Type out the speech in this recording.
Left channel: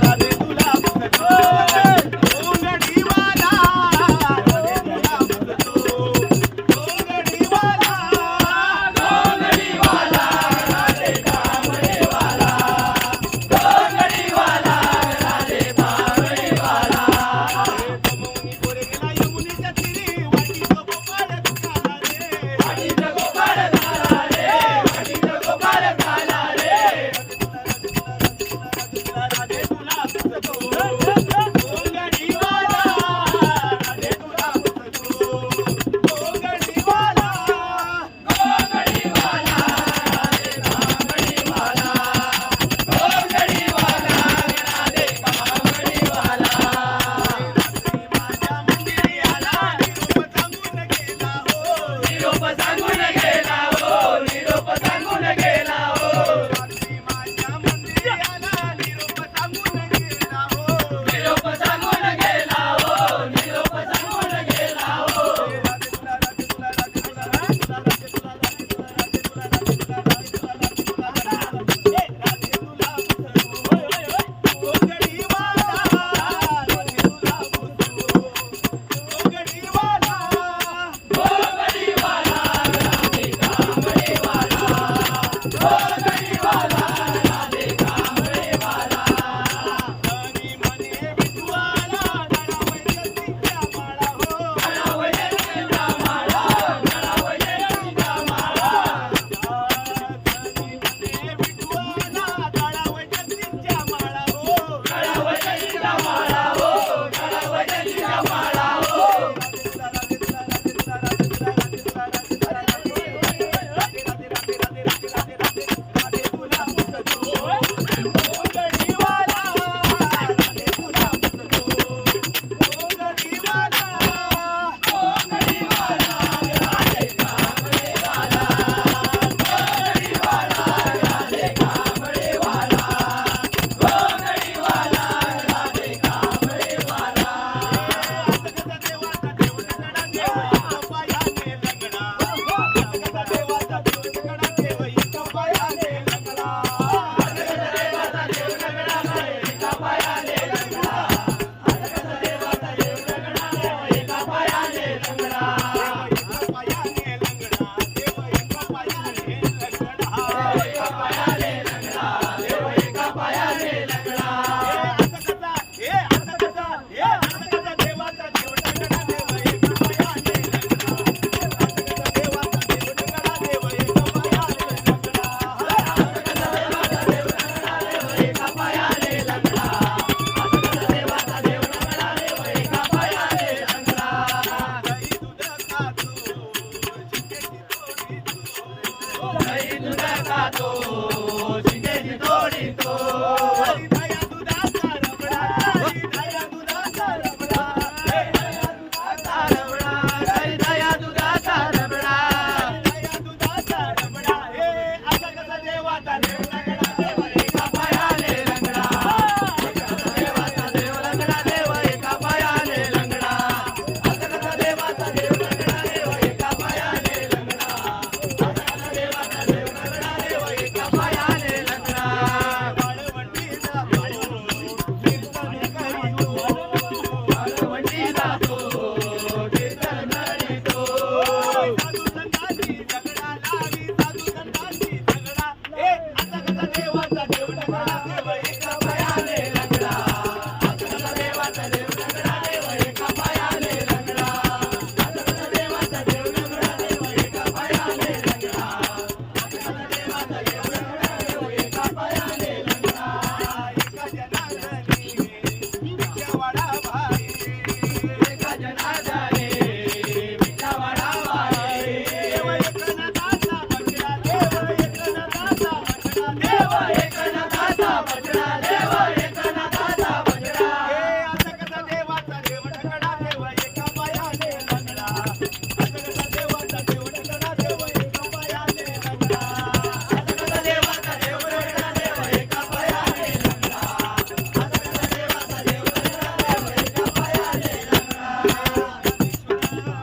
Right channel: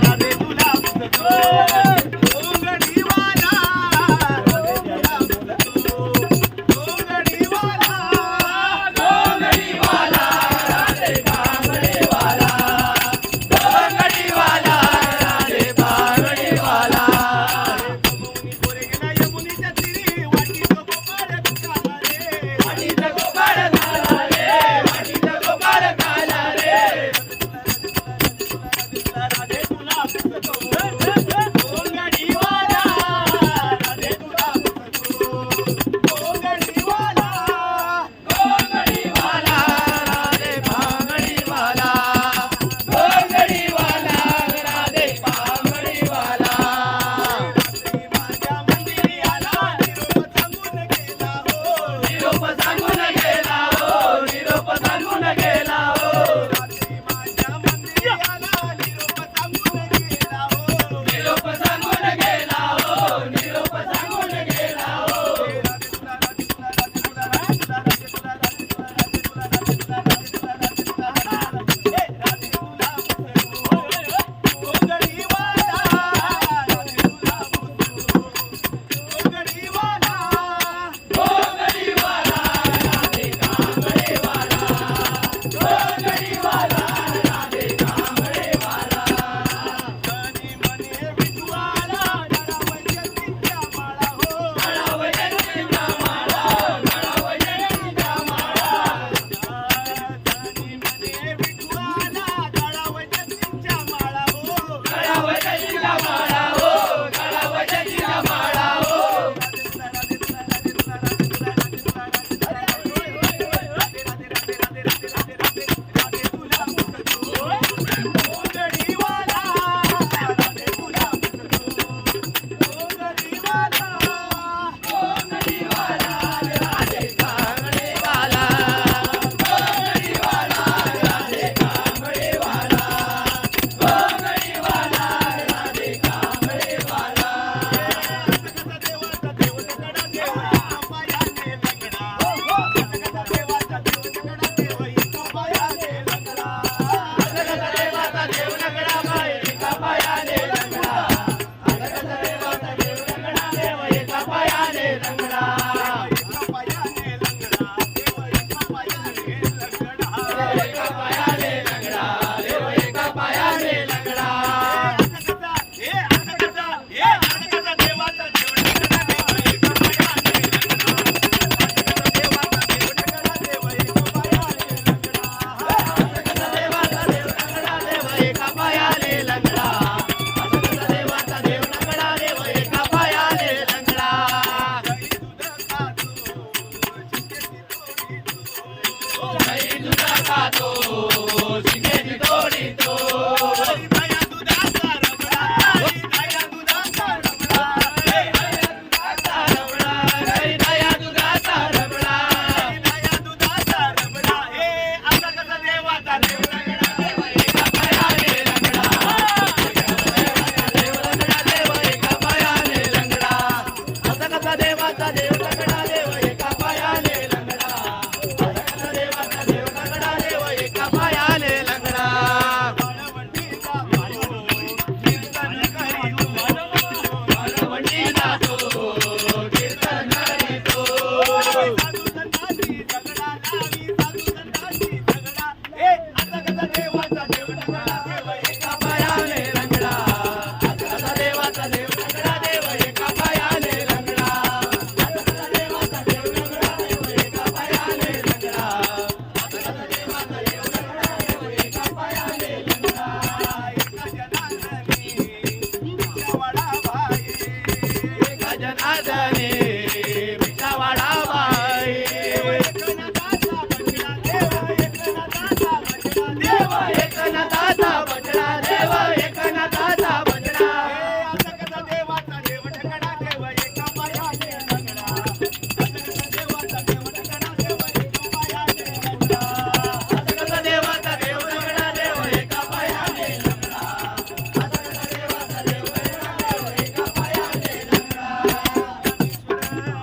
para de ਸੰਗਰਾ